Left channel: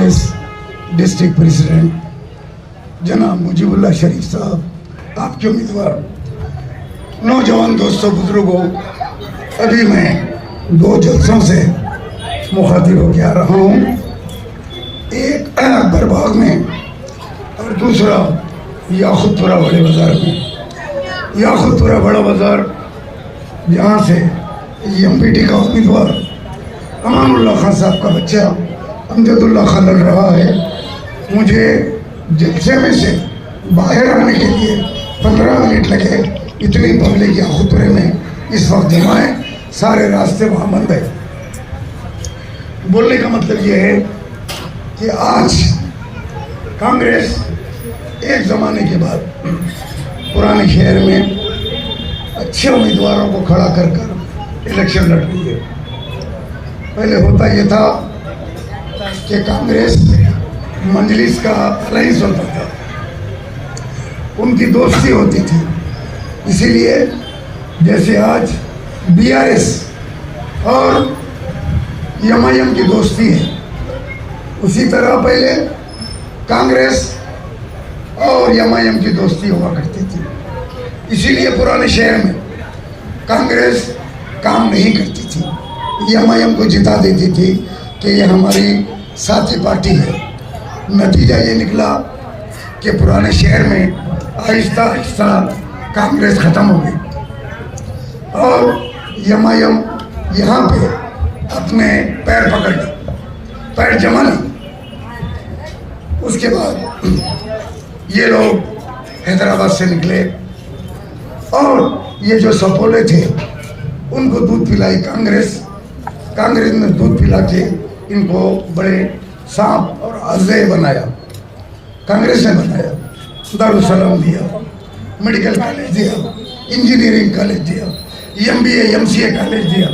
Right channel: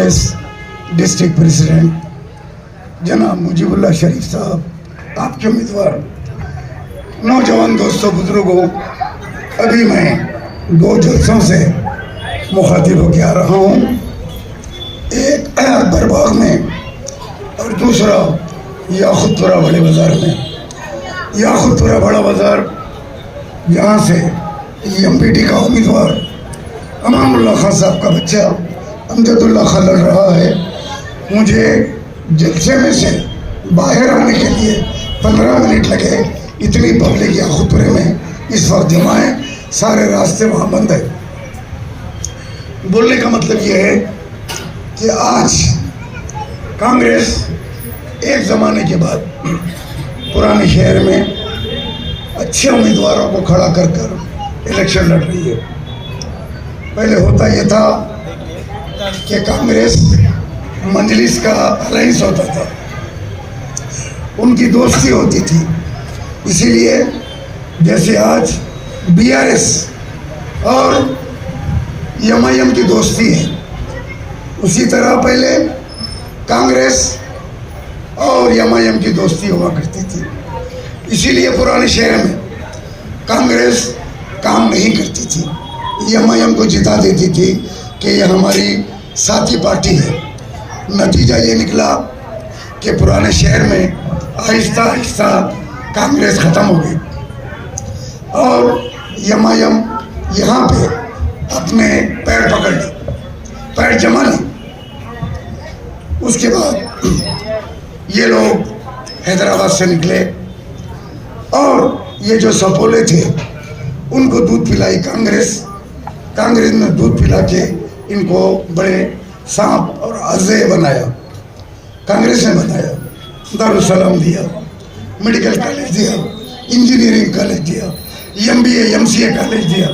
Congress district president जनाब मुजीबुल्लाह शरीफ साहब, आपके उम्मीदवार, नौजवान दोस्तों, बुजुर्गों, अभी मैं दो जलसों से मुखातिब होकर आ रहा हूँ। एक बरबार में और दूसरा याखुतपुरा बड़े बाज़ार में। याखुतपुरा बड़ा बाज़ार जहाँ से एमपीटी का उम्मीदवार अमानुल्लाह खान साहब का बच्चा अमजदुल्लाह खान लड़ रहा है। मुझे जलसे में से बाहर आने के लिए 15 मिनट लगे। इतनी पब्लिक याखुतपुरे में इस वक्त जमा है, सारे रास्ते वहाँ बंद है। बोलने का मतलब ये है कि आज कांग्रेस एक ज़माने के बाद पुराने शहर में अच्छे उम्मीदवारों को खड़ा कर कर इलेक्शन लड़ रही है। पहले होता ये था कि कांग्रेस मजलिस का अलायंस होता था, उनकी दोस्ती होती थी। इसीलिए जैसे आज बीआरएस और एमआईएम की दोस्ती है, उसी तरह पहले कांग्रेस और एमआईएम की दोस्ती हुआ करती थी। इसीलिए पुराने शहर में कांग्रेस काम नहीं करती थी, एमआईएम को जिता देती थी कि यह हमारी साथी पार्टी है। नतीजा ये निकला कि पुराने शहर में आहिस्ता आहिस्ता कांग्रेस खत्म हो गई और एमआईएम यहाँ पे अपने पैर पकड़ ली, पैर जमा ली। उसके बाद ये लोग हैदराबाद से निकले और ये जो सपोले थे उनको दूध पिलाई कांग्रेस। कांग्रेस ने दूध पिला के इनको बड़े सांप और अजय बनाया। कांग्रेस ने बनाया, दारुसलाम दिया, मेडिकल कॉलेज दिया, इंजीनियरिंग कॉलेज दिया, एमबीए एमसीए कॉलेज दिया,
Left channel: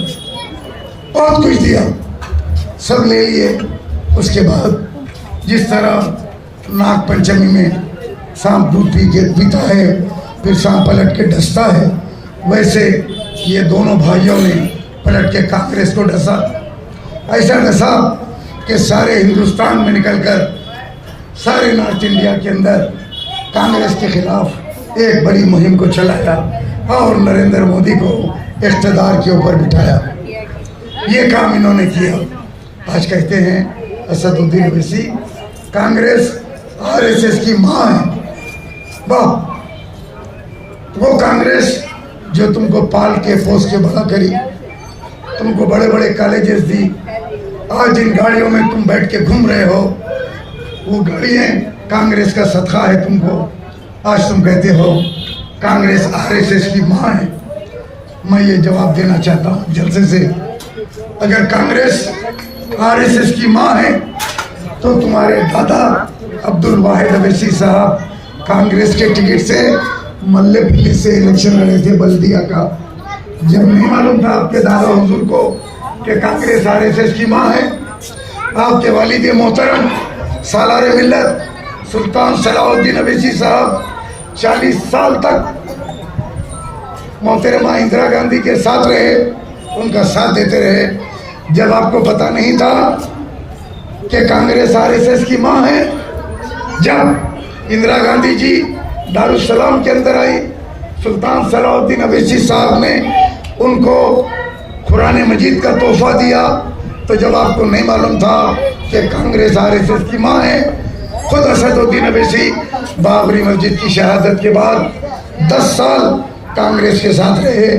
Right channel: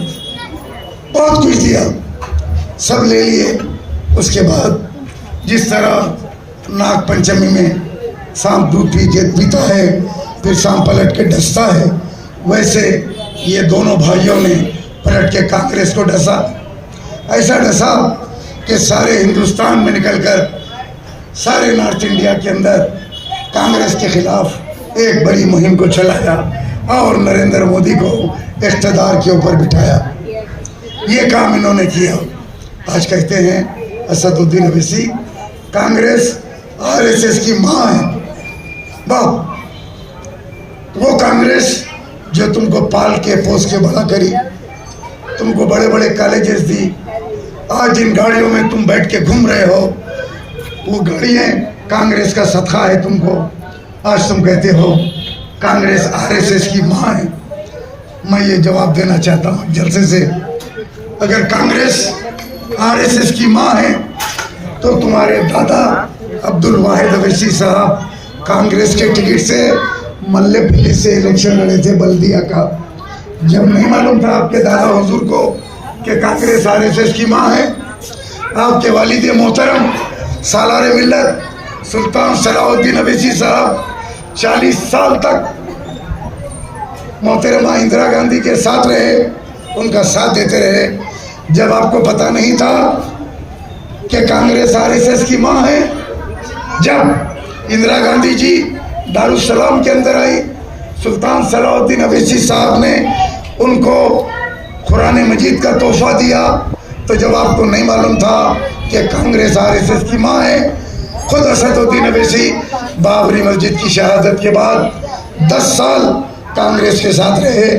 बहुत कुछ दिया, सब ले लिए। उसके बाद जिस तरह नाग पंचमी में सांप दूध पी के पीता है, फिर सांप पलट के डसता है, वैसे ये दोनों भाइयों ने पलट के कांग्रेस को डसा। ऐसा डसा कि सारे हिंदुस्तान में निकलकर सारे नॉर्थ इंडिया के अंदर कांग्रेस के खिलाफ एक बड़ी मुहिम को चलाया और नरेंद्र मोदी को इख्तिदार के ऊपर बिठाया। ये काम इन्होंने किया। आज कहते हैं असदुद्दीन ओवैसी कांग्रेस आरएसएस की माँ है। बाप, वो कांग्रेस जो तुमको पाल के पोस के बड़ा करी, तुमको बड़े बड़े कॉलेजेस दी, आज जिन गाड़ियों में तुम बैठ के घूम रहे हो वो गाड़ियाँ कांग्रेस का सदका है तुमको। आज तुम कहते हो कांग्रेस आरएसएस की माँ है। मैं ये जवाब देना चाहता हूँ जलसे से, अगर कांग्रेस आरएसएस की माँ है तो तुम्हारे दादा अब्दुल वाहिद ओवैसी साहब कांग्रेस के टिकट से मल्लेपल्ली से इलेक्शन लड़े थे बल्दिया का। जब नहीं मालूम था आपके दादा हुजूर को कि कांग्रेस आरएसएस की माँ है, आपके वालिद मोहतरम सालारे मिल्लत सुल्तान सलाउद्दीन ओवैसी साहब 40 साल तक मोहतरमा इंदिरा गांधी के साथ रहे, उनका साथ देते रहे। जब आपको पता नहीं था कि कांग्रेस आरएसएस की माँ है, जब इंदिरा गांधी जी दारुसलाम के अंदर आई, सुल्तान सलाउद्दीन ओवैसी साहब ने उनको कुरान मजीद का तोहफा दिया, तो जब आपको नहीं मालूम था कि कांग्रेस आरएसएस की माँ है, खुद असदुद्दीन ओवैसी बाबरी मस्जिद की शहादत के बाद 10 साल कांग्रेस के साथ रहे।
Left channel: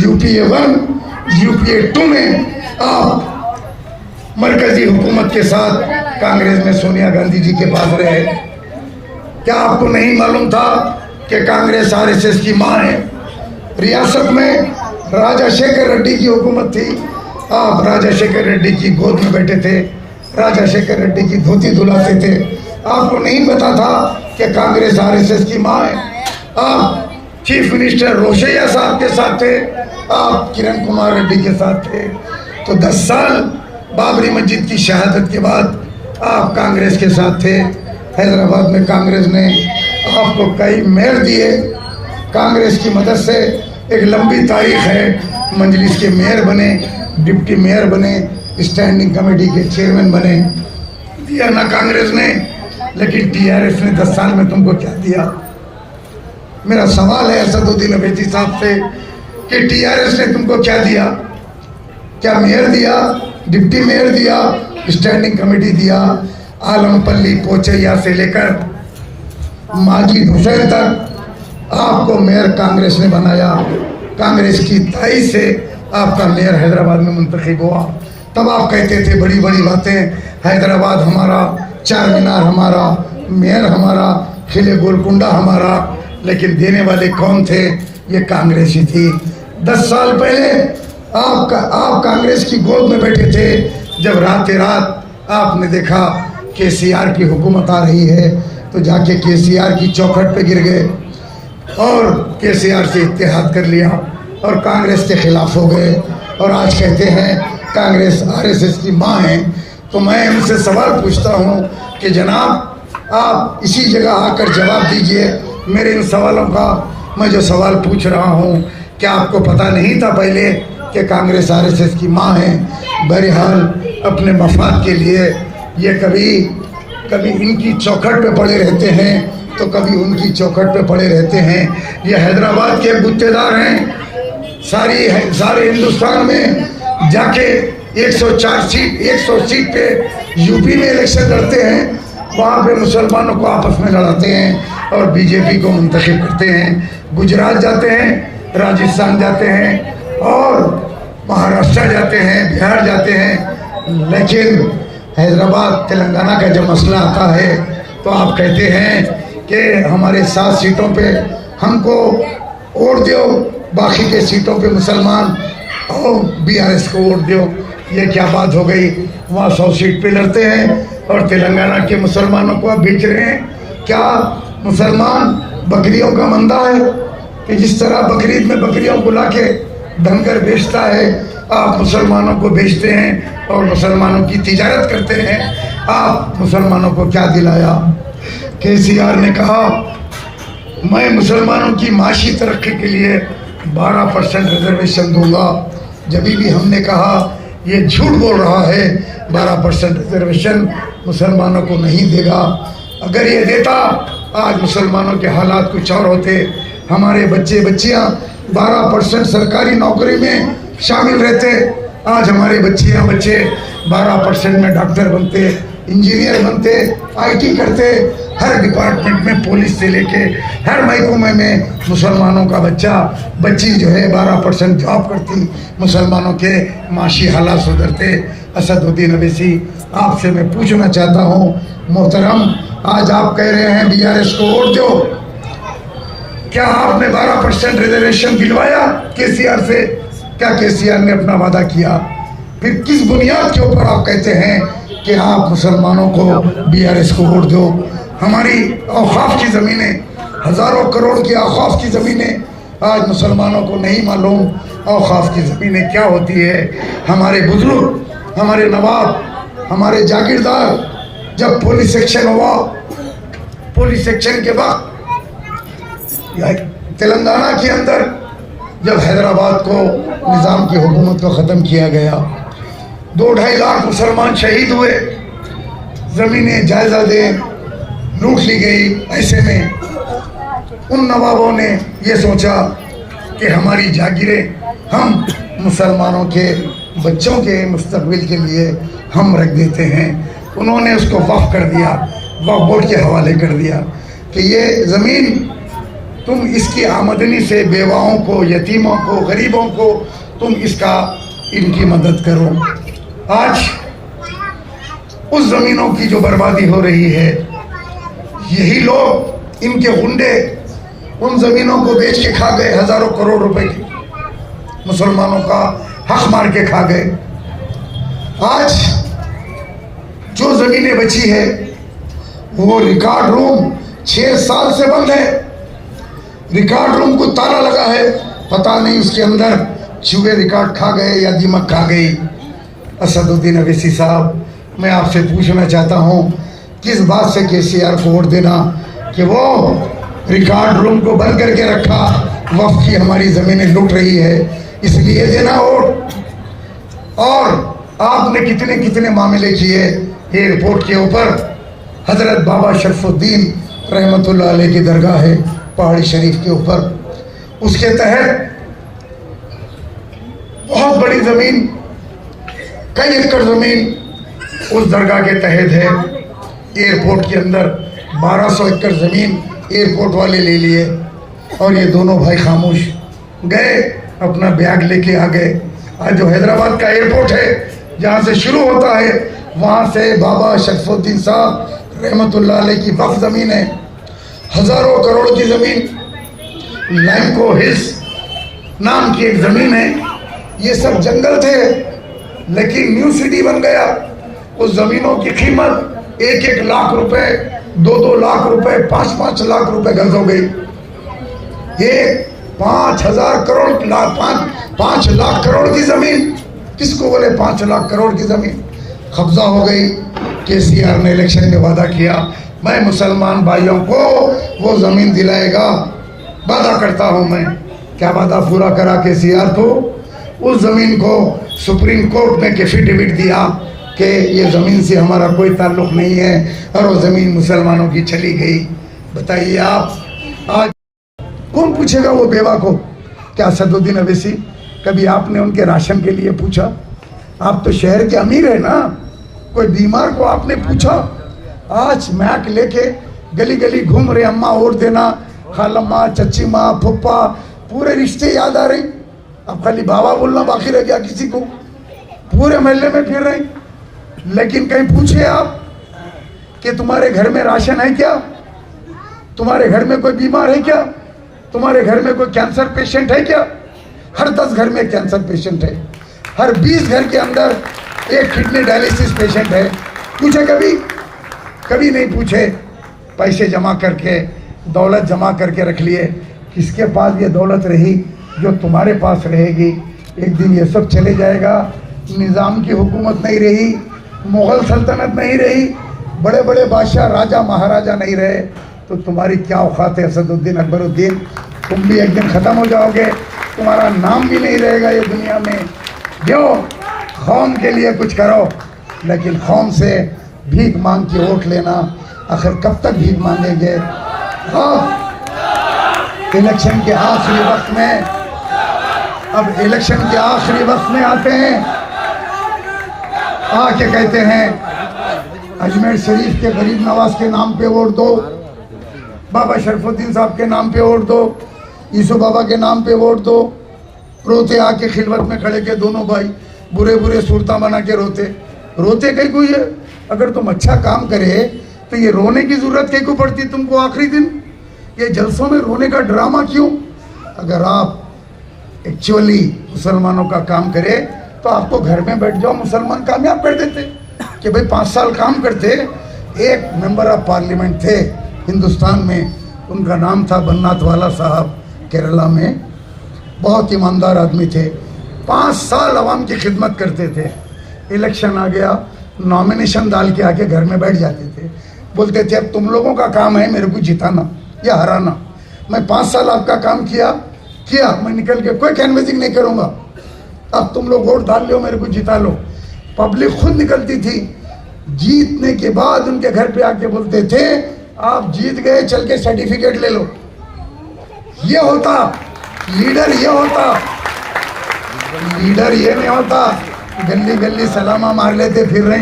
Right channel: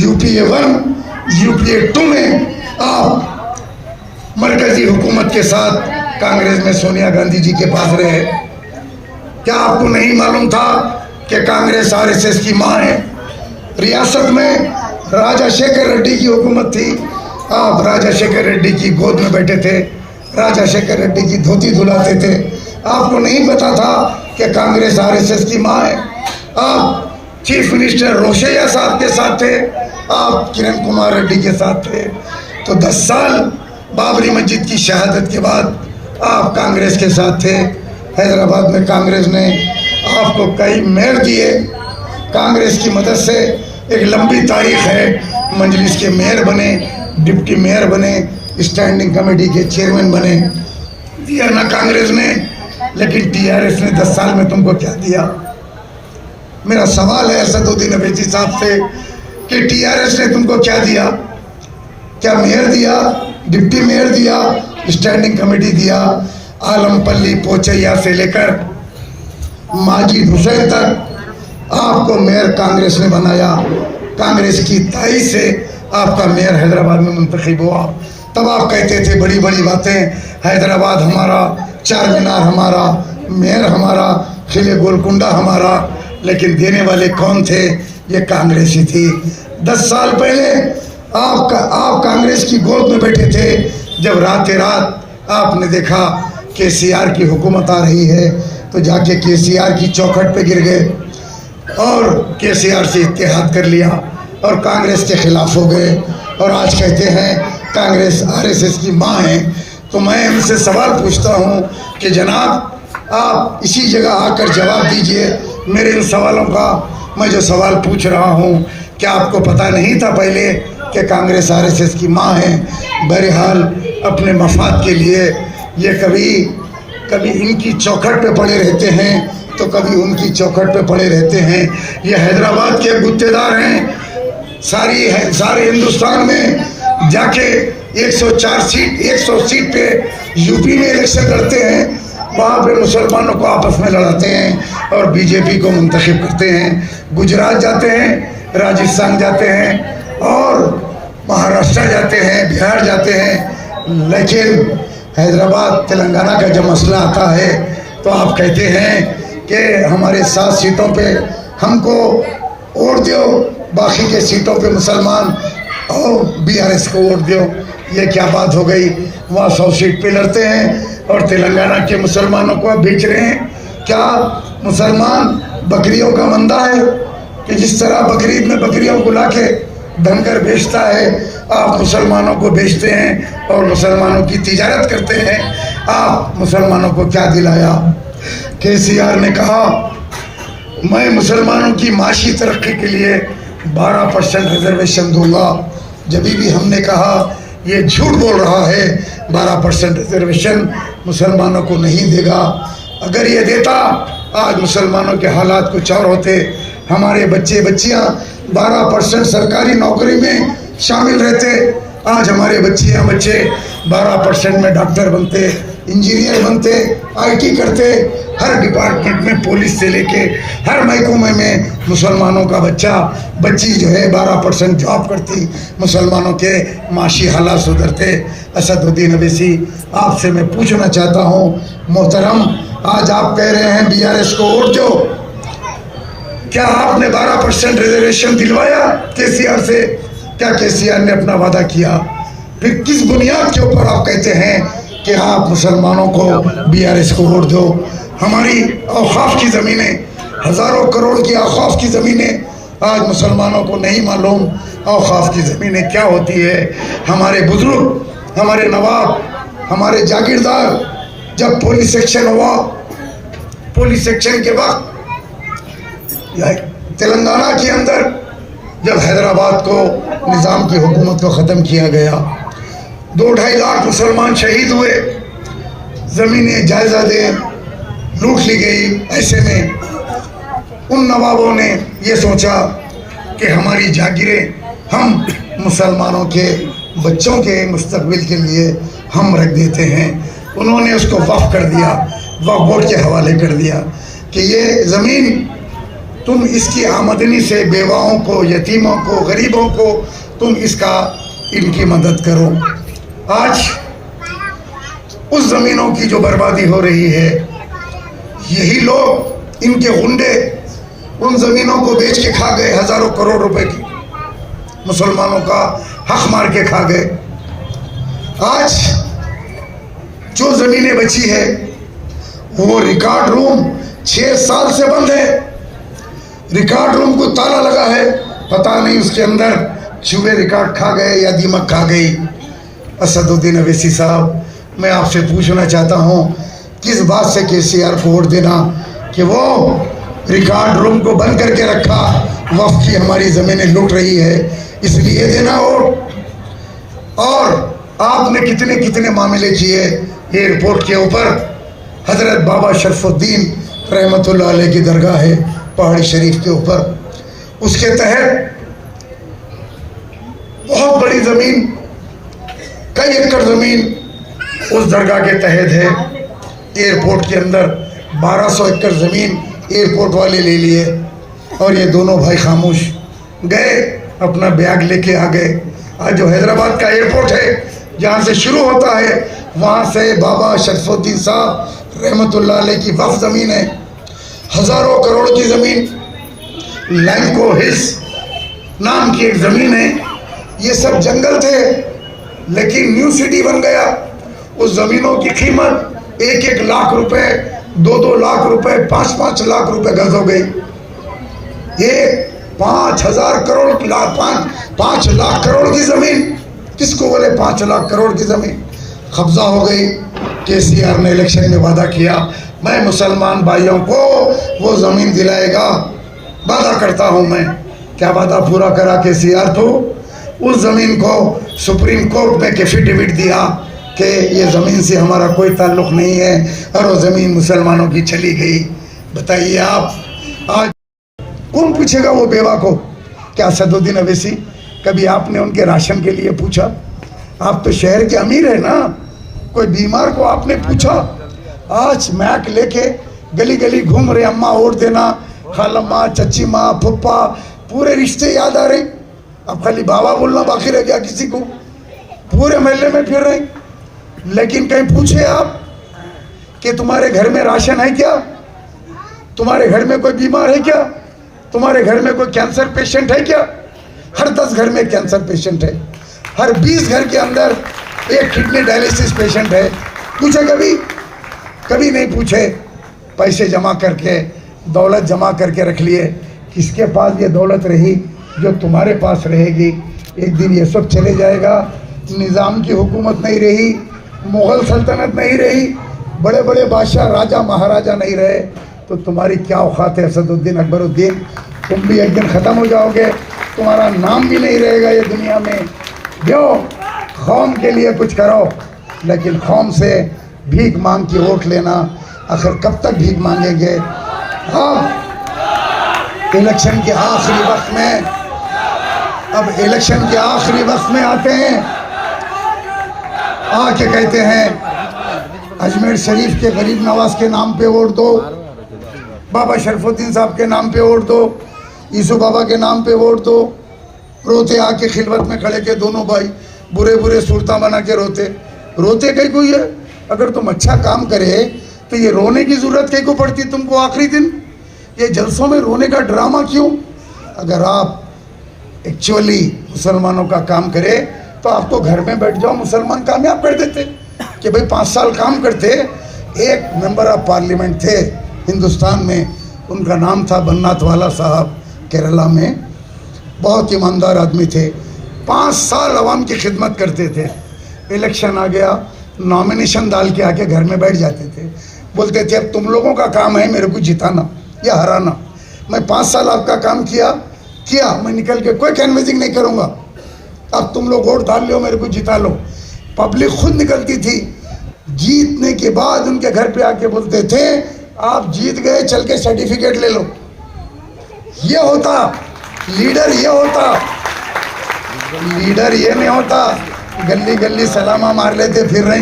यूपीए 1 यूपीए 2 में आप मरकजी हुकूमत के साथ कांग्रेस में सोनिया गांधी जी के पास रहे। क्या आपको नहीं मालूम था कि कांग्रेस आरएसएस की माँ है? रियासत में राजशेखर रेड्डी की हुकूमत थी, आप राजशेखर रेड्डी की गोद में बैठे थे, राजशेखर रेड्डी की धोती धुलाते थे। आपको नहीं पता था कि कांग्रेस आरएसएस की माँ है। आप चीफ मिनिस्टर रोशैया साहब के साथ थे, आप किरण कुमार रेड्डी के साथ थे। तो 10 साल बाबरी मस्जिद की शहादत के बाद आप कांग्रेस के साथ थे। हैदराबाद में कांग्रेस ने आपको कई मेयर दिए, कांग्रेस की मदद से एक लंबी तारीख है। मजलिस के मेयर बने, डिप्टी मेयर बने, स्टैंडिंग कमेटी के चेयरमैन बने। दिया ना कांग्रेस ने, लेकिन टीआरएस ने 10 साल में तुमको क्या दिया? मेरा सवाल है असदुद्दीन अवैसी साहब से कि टीआरएस ने तुमको क्या दिया? क्या मेयर दिया, डिप्टी मेयर दिया, स्टैंडिंग कमेटी दिया? आलमपल्ली पोचैया से लेकर माजी हुसैन तक आपको मेयर कांग्रेस ने बनाया। कांग्रेस की ताई से आपका मेयर हैदराबाद में मुंतखब हुआ। तब आप कहते थे बड़ी बड़ी बातें, हैदराबाद हमारा, चार मीनार हमारा, मेयर हमारा, किले गोलकुंडा हमारा, लेकिन देने वाले कौन थे? ये कांग्रेस ही थी। 10 साल पहले आप कांग्रेस की गोद में बैठे थे, जब रात रात आपने देखा केसीआर की हुकूमत आ रही है तो जाके केसीआर की चौखट पे गिर गए और केसीआर से इत्तेहाद कर लिया और कांग्रेस के खिलाफ हो गए और आज कहते हैं कांग्रेस आरएसएस की माँ है। तो मैं इनसे सवाल पूछता हूँ कि जनाब आप इसी जगह आकर जवाब दीजिए मेरे इन सवालों का। मैं जो सवाल पूछ रहा हूँ, क्या आपको पता नहीं था पहले कि कांग्रेस आरएसएस की माँ है? बहरहाल अपने मफाद के लिए ये कभी इनकी चौखट पे पड़े रहते हैं तो कभी उनकी चौखट पे पड़े रहते हैं। ये हैदराबाद के गुत्तेदार हैं। सारे हिंदुस्तान में जाके 100 सीट पे यूपी में इलेक्शन लड़ते हैं, वहाँ पे मुसलमानों को आपस में लड़ाते हैं और बीजेपी को मुंतखब करते हैं। गुजरात जाते हैं, राजस्थान जाते हैं और महाराष्ट्र जाते हैं, बिहार जाते हैं, लेकिन हैदराबाद तेलंगाना का जब मसला आता है तो आप कहते हैं कि हमारे 7 सीटों पे हमको वोट दो, बाकी के सीटों पे मुसलमान और बीआरएस को वोट दो। ये क्या बात हो गई? वहाँ 100 सीट पे लड़ते हैं और तेलंगाना के मुसलमानों को आप बेच रहे हैं। क्या मुसलमान बकरियों का मंदा है कि जिस तरह बकरीद में बकरियों को लाके धनकर बेचता है, आप मुसलमानों को बेचते हैं और मुसलमानों की तिजारत करते हैं। आप मुसलमानों को क्या दिलाया? केसीआर ने कहा मैं मुसलमानों की माशी तरक्की के लिए 12% रिजर्वेशन दूंगा। जब भी हमने कहा ये झूठ बोल रहा है, 12% रिजर्वेशन मुसलमानों को नहीं देगा। अगर ये देता आज मुसलमानों के हालात कुछ और होते। हमारे बच्चे बच्चियां 12% सरकारी नौकरी में शामिल रहते। आज हमारे बच्चे 12% में डॉक्टर बनते, इंजीनियर बनते, आईटी करते। हर डिपार्टमेंट में पुलिस से लेके हर महकमे में मुसलमानों का बच्ची जो है 12% जॉब करती, मुसलमानों के माशी हालात सुधरते। असदुद्दीन अवैसी आपसे मैं पूछना चाहता हूँ मोहतरम, आज आप कह रहे हैं बीआरएस को वोट दो, क्या आपने 12% रिजर्वेशन दिलवाया केसीआर से? क्या केसीआर ने अपना वादा किया? फिर किस बुनियाद के ऊपर आप कहते हैं कि आप मुसलमानों को बीआरएस को वोट दो? हमारी औकाफ की ज़मीनें, हज़ारों करोड़ की औकाफ की ज़मीनें आज मुसलमानों को नहीं मालूम औकाफ की ज़मीनें क्या होती है। हमारे बुजुर्ग, हमारे नवाब, हमारे जागीरदार जब पुलिस एक्शन हुआ, पुलिस एक्शन के वक्त तेलंगाना के अंदर जब हैदराबाद को निज़ाम की हुकूमत को ख़त्म किया गया, 2-2.5 लाख मुसलमान शहीद हुए, ज़मीनें जायदादें लूट ली गई। ऐसे में उन नवाबों ने ये सोचा कि हमारी जागीरें हम मुसलमानों के बच्चों के मुस्तकबिल के लिए हम रख देते हैं। उन्होंने उसको वक्फ कर दिया, वक्फ बोर्ड के हवाले कर दिया कि ये ज़मीन तुम इसकी आमदनी से बेवाओं को, यतीमों को, गरीबों को तुम इनकी मदद करो। आज उस ज़मीनों की जो बर्बादी हो रही है, यही लोग, इनके गुंडे उन ज़मीनों को बेच के खा गए, हज़ारों करोड़ रुपए की मुसलमानों का हक मार के खा गए। आज जो ज़मीनें बची है वो रिकॉर्ड रूम 6 साल से बंद है। रिकॉर्ड रूम को ताला लगा है, पता नहीं उसके अंदर चूहे रिकॉर्ड खा गए या दीमक खा गई। असदुद्दीन अवैसी साहब, मैं आपसे पूछना चाहता हूँ किस बात से केसीआर को वोट देना कि वो रिकॉर्ड रूम को बंद करके रखा, वक्फ की हमारी ज़मीनें लूट रही है, इसलिए देना वोट। और आपने कितने कितने मामले किए एयरपोर्ट के ऊपर हजरत बाबा शरफुद्दीन रहमतुल्लाह अलैह की दरगाह है पहाड़ी शरीफ के ऊपर। उसके तहत बहुत बड़ी जमीन, कई एकड़ जमीन उस दरगाह के तहत है। एयरपोर्ट के अंदर 1200 एकड़ जमीन एयरपोर्ट वाले ले लिए और ये दोनों भाई खामोश गए, अपना बैग लेके आ गए। आज जो हैदराबाद का एयरपोर्ट है जहाँ से शुरू होता है वहाँ से बाबा शरफुद्दीन साहब रहमतुल्लाह अलैह की वक्फ ज़मीन है, हज़ारों करोड़ की ज़मीन। लैंको हिल्स नाम की एक ज़मीन है। ये सब जंगल थे लेकिन न्यू सिटी बन गया। उस ज़मीनों की कीमत 1-1 लाख रुपए, 2-2 लाख रुपए, 5-5 लाख रुपए गज हो गई। ये 5,000 करोड़ 5 लाख करोड़ की ज़मीन, किसको बोले 5 लाख करोड़ की ज़मीन कब्जा हो गई। केसीआर ने इलेक्शन में वादा किया मैं मुसलमान भाइयों को वो ज़मीन दिलाएगा, वादा करता हूँ मैं। क्या वादा पूरा करा केसीआर? तो उस ज़मीन को सुप्रीम कोर्ट ने एफिडेविट दिया कि ये ज़मीन से हमारा कोई ताल्लुक़ नहीं है और वो ज़मीन मुसलमानों की चली गई। बताइए आप आज कौन पूछेगा वो बेवा को? क्या असदुद्दीन अवैसी कभी आपने उनके राशन के लिए पूछा? आप तो शहर के अमीर है ना, कोई बीमार को आपने पूछा? आज मैक लेके गली गली घूम रहे, अम्मा वोट देना, खालम्मा, चच्ची माँ, फुप्पा, पूरे रिश्ते याद आ रहे। अब खाली बाबा बोलना बाकी रह गया किसी को, पूरे महल्ले में फिर रहे। लेकिन कहीं पूछे आप कि तुम्हारे घर में राशन है क्या? तुम्हारे घर में कोई बीमार है क्या? तुम्हारे घर में कोई कैंसर पेशेंट है क्या? हर 10 घर में कैंसर पेशेंट है, हर 20 घर के अंदर एक किडनी डायलिसिस पेशेंट है। पूछे कभी? कभी नहीं पूछे। पैसे जमा करके, दौलत जमा करके रख लिए। किसके पास ये दौलत रही जो तुम्हारे पास रहेगी? एक दिन ये सब चले जाएगा। निज़ाम की हुकूमत नहीं रही, मुग़ल सल्तनत नहीं रही, बड़े बड़े बादशाह राजा महाराजा नहीं रहे, तो तुम्हारी क्या औकात है असदुद्दीन अकबरुद्दीन? तुम भी एक दिन ख़त्म हो जाओगे, तुम्हारा नाम भी नहीं रहेगा ये दुनिया में। जो कौम के लिए कुछ करो, लेकिन कौम से भीख मांग के वोट लेना, आखिर कब तक भीख मांगेंगे? हाँ, इलेक्शन के आखिरी वक्त में, अब इलेक्शन के आखिरी वक्त में आते हैं, आके कहते हैं अजमेर शरीफ के गरीब नवाज के नाम पे वोट दो, बाबा शरफुद्दीन साहब के नाम पे वोट दो, ईसू बाबा के नाम पे वोट दो। रोते आके खिलवत में खड़े के दोनों भाई बुरे बुरे सूरता बना के रोते। रोते कहीं को? ये अगर तुम अच्छा काम करे तो ये रोने की जरूरत कहीं को पड़ती तुमको आखिरी दिन? ये जलसों में रोने का ड्रामा क्यों? अगर आप एक्चुअली मुसलमानों का काम करे तो आप तो घर में बैठ जाओ, मुसलमान कामयाब कर देते। कि भाई 5 साल काम करते। एक मेंबर ऑफ पार्लियामेंट थे हिंदुस्तान में, उनका नाम था बन्नाथवाला साहब, केरला में। बहुत ईमानदार आदमी थे, 5 साल अवाम की खिदमत करते थे। इलेक्शन आ गया, नॉमिनेशन डाल के आके घर में बैठ जाते थे। बोलते थे अब तुम लोगों का काम है मेरे को जिताना या हराना। मैं 5 साल आपका काम किया, मैं निकल के कोई कैनवेसिंग नहीं करूँगा। अब तुम लोग वोट डाल लो, मेरे को जिता लो। पब्लिक खुद निकलती थी। जीतने के बाद उनके घर पे आके बोलते थे आप जीत गए, चल के सर्टिफिकेट ले लो। ये होता लीडर, ये होता लीडर, ये नहीं होता गली गली सलामा मार लेते फिर रहे,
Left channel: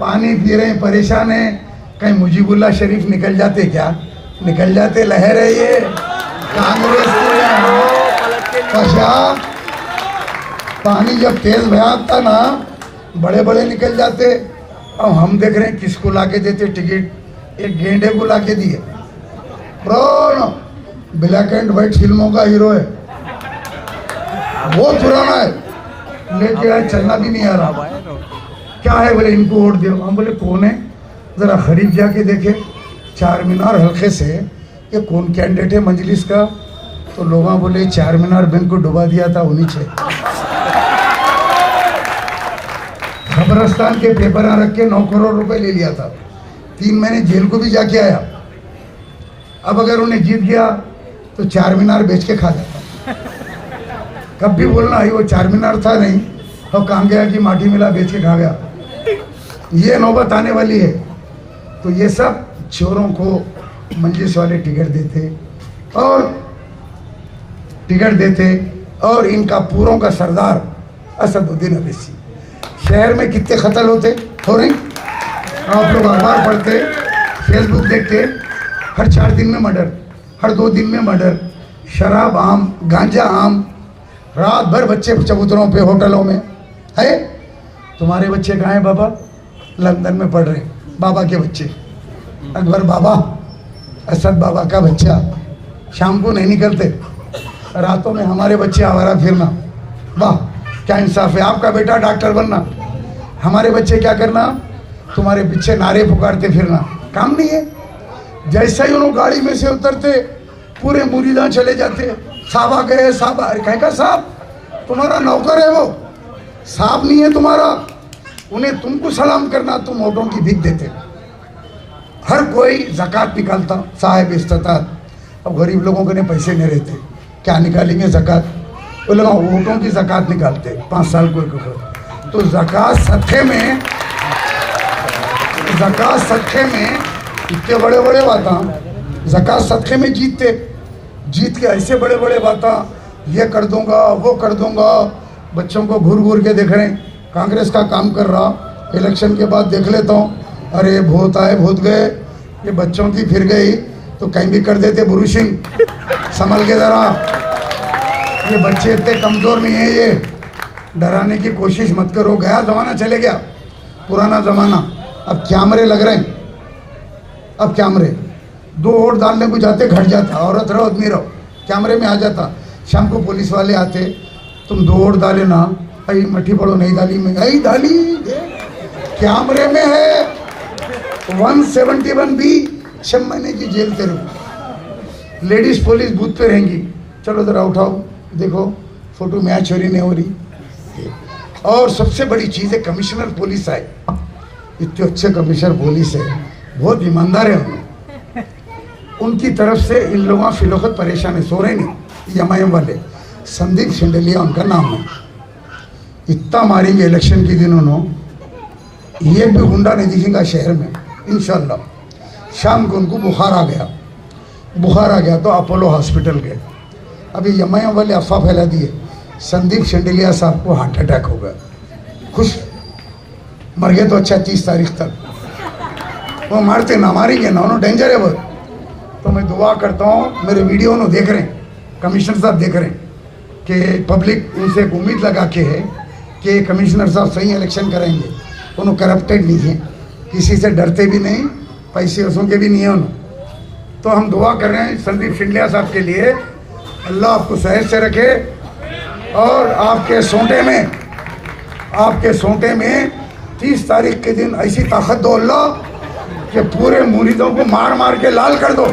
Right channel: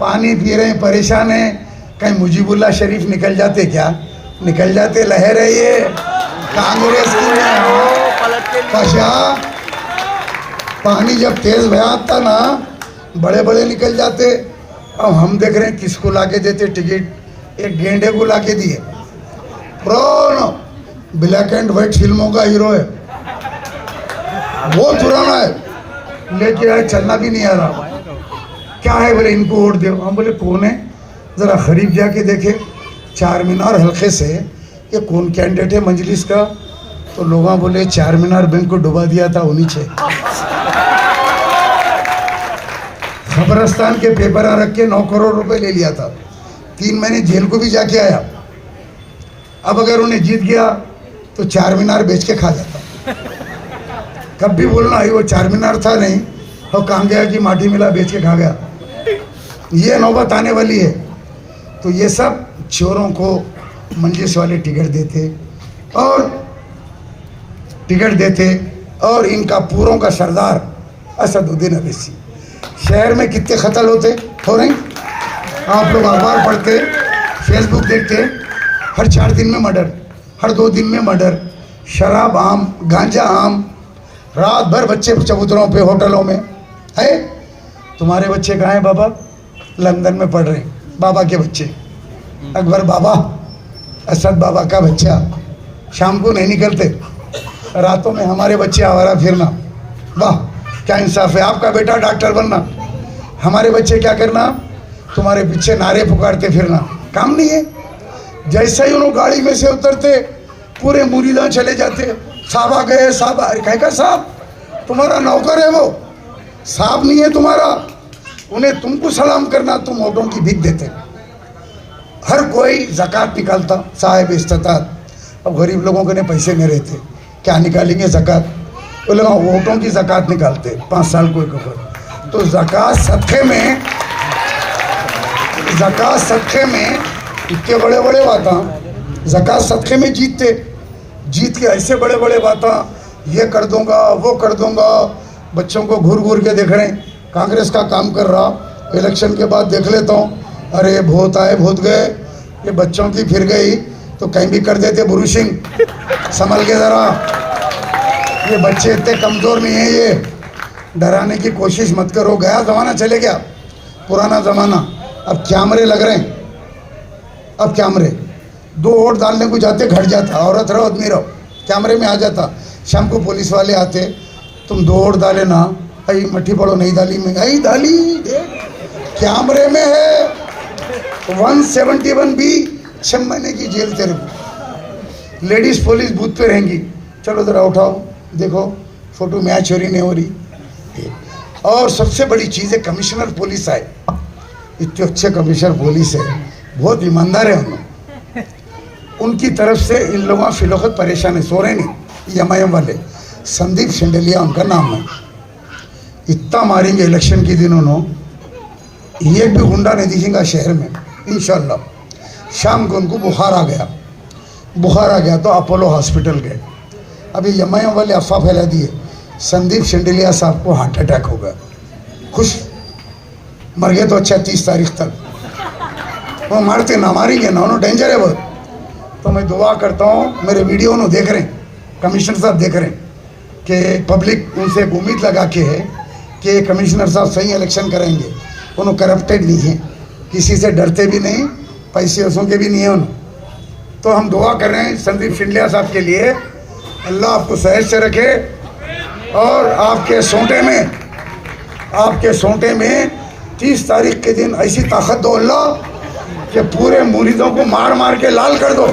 पानी पी रहे, परेशान है। कहीं मुजीबुल्लाह शरीफ निकल जाते क्या? निकल जाते। लहर है ये कांग्रेस की। पानी जब तेज भया था ना, बड़े बड़े निकल जाते। अब हम देख रहे हैं किसको लाके देते टिकट? एक गेंडे को लाके दिए। ब्लैक एंड व्हाइट फिल्मों का हीरो है, बहुत पुराना है, लेके आए, चलना भी नहीं आ रहा। क्या है? बोले इनको वोट दो। हम बोले कौन है? जरा करीब जाके देखे, चार मीनार हल्के से, ये कौन कैंडिडेट है मजलिस का? तो लोग बोले चार मीनार बैंक को डुबा दिया था उन्हीं से। खबरस्तान के पेपर रख के 9 करोड़ रुपए ले लिया था, 3 महीने जेल को भी जाके आया। अब अगर उन्हें जीत गया तो 4 मीनार बेच के खा जाता। कब भी बोलना है वो 4 मीनार था नहीं, और कहाँ गया कि माटी मिला बेच के खा गया। ये नौबत आने वाली है। तो ये सब चोरों को मंजिस वाले टिकट देते और इनका पूरों का सरदार असदुद्दीन अवैसी। शहर में कितने कत्ल हो रहे हैं, आप लोग अखबार पढ़ते, फेसबुक देखते, हर 4 दिन में मर्डर, हर 2 दिन में मर्डर, शराब आम, गांजा आम, रात भर बच्चे चबूतरों पे, होटलों में है। तुम्हारे बच्चे कहाँ हैं बाबा? लंदन में पढ़ रहे, बाबा के बच्चे, अकबर बाबा, असद बाबा का बच्चा शाम को नहीं निकलते, रातों में हमारे बच्चे आवारा फिरना। वाह क्या इंसाफ है। आपका बेटा डॉक्टर बनना, हमारे बच्चे क्या करना? तुम्हारे पीछे नारे पुकारते फिरना, काम नहीं है। जैसा ही उन्होंने गाड़ी में से उतरते पूरे मुरीदा चले जाते, साहब आ गए, साहब। अरे कहे का साहब? तुम्हारा नौकर है वो, साहब नहीं है तुम्हारा। उन्हें तुमको सलाम करना, तुम वोटों की भीख देते। हर कोई ज़कात निकालता, साहिब इस्तात। अब गरीब लोगों के लिए पैसे नहीं रहते, क्या निकालेंगे ज़कात? वो लोग वोटों की ज़कात निकालते 5 साल को एक। तो ज़कात सदक़े में इतने बड़े बड़े बात, ज़कात सदक़े में जीत के ऐसे बड़े बड़े बात, ये कर दूंगा वो कर दूंगा। बच्चों को घूर के देख रहे हैं, कांग्रेस का काम कर रहा, इलेक्शन के बाद देख लेता हूँ, अरे भूत आए भूत गए, ये बच्चों की फिर गई तो कहीं भी कर देते ब्रूशिंग। संभल के ज़रा, ये बच्चे इतने कमज़ोर नहीं है, ये डराने की कोशिश मत करो। गया ज़माना, चले गया पुराना ज़माना। अब कैमरे लग रहे हैं, अब कैमरे 2 वोट डालने को जाते घट जाता, औरत रहो आदमी रहो, कैमरे में आ जाता। शाम को पुलिस वाले आते, तुम 2 वोट डाले ना, आई मट्ठी पड़ो, नहीं डाली, महंगाई डाली, कैमरे में है। 171B 6 महीने की जेल तेरे को। लेडीज पुलिस बूथ पे रहेंगी, चलो जरा उठाओ देखो फोटो मैच हो रही नहीं हो रही। और सबसे बड़ी चीज़ है कमिश्नर पुलिस आए, इतने अच्छे कमिश्नर पुलिस है, बहुत ईमानदार है। उनकी तरफ से इन लोगों फिलौकत परेशान है, सो रहे नहीं। एमआईएम वाले संदीप शेंडलिया उनका नाम है, इतना मारेंगे इलेक्शन के दिन उन्होंने, एक भी गुंडा नहीं दिखेगा शहर में इंशाल्लाह। शाम को उनको बुखार आ गया तो अपोलो हॉस्पिटल गए। अभी एमआईएम वाले अफवाह फैला दिए संदीप शेंडलिया साहब को हार्ट अटैक हो गया। खुश मर गए तो अच्छा, 30 तारीख तक वो मारते ना, मारेंगे ना, उन्होंने डेंजर है बहुत। तो मैं दुआ करता हूँ, मेरे वीडियो उन्होंने देख रहे हैं, कमिश्नर साहब देख रहे हैं कि पब्लिक उनसे उम्मीद लगा के है कि कमिश्नर साहब सही इलेक्शन करेंगे। उन्होंने करप्टेड नहीं है, किसी से डरते भी नहीं, पैसे वैसों के भी नहीं है उन्होंने। तो हम दुआ कर रहे हैं संदीप शेंडलिया साहब के लिए, अल्लाह आपको सेहत से रखे और आपके सोंटे में 30 तारीख के दिन ऐसी ताकत दो अल्लाह कि पूरे मुरीदों को मार के लाल कर दो।